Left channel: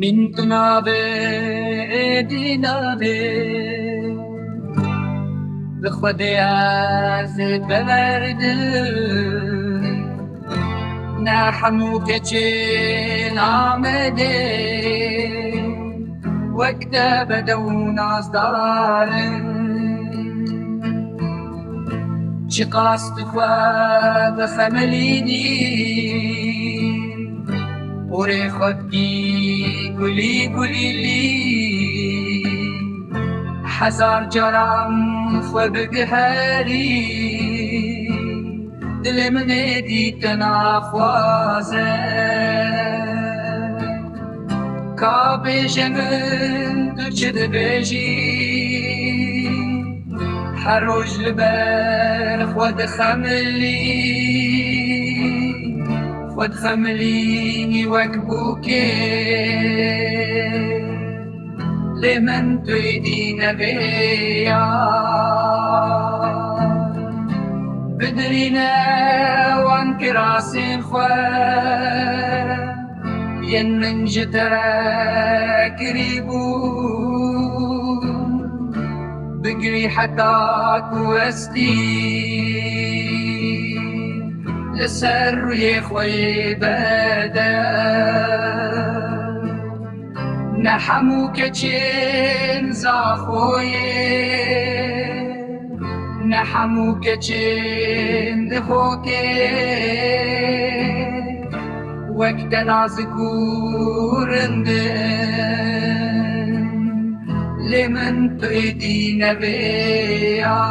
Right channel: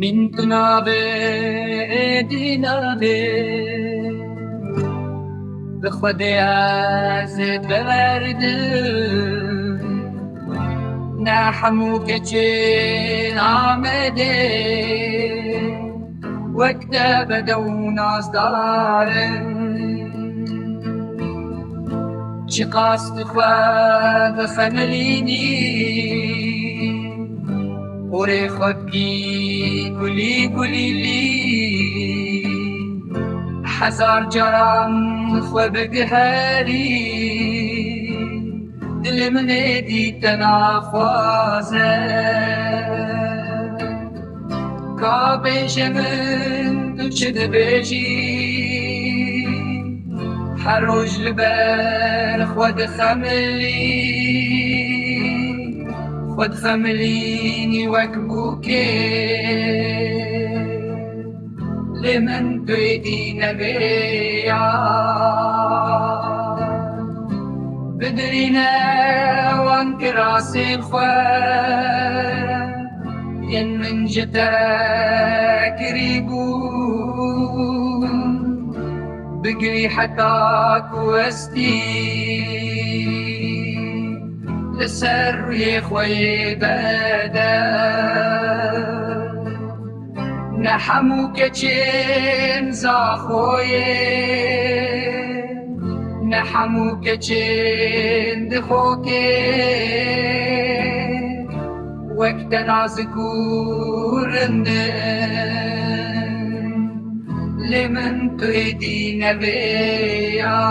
من تنابه دینابه به خود ازت بورده نه همو که چین آمده وقت بدو ناز دارن چی قاست خواه خملینی پوری خود کی گلی گلی لی هزار جرام خو بگهری دل من دیت نخوازه کا بیجم تو چه بیجی هر روز لبر خود خملینی وک بوکه لمن تريدين بيا بدرينا وانك راسي الخوان ين من جترك ريبون بقري حتاك وستي لسر يا خوي بدل نحمو كچين زاخويه نحمو كچين دخوكي وقت نازكورندن لمن تريدين بيا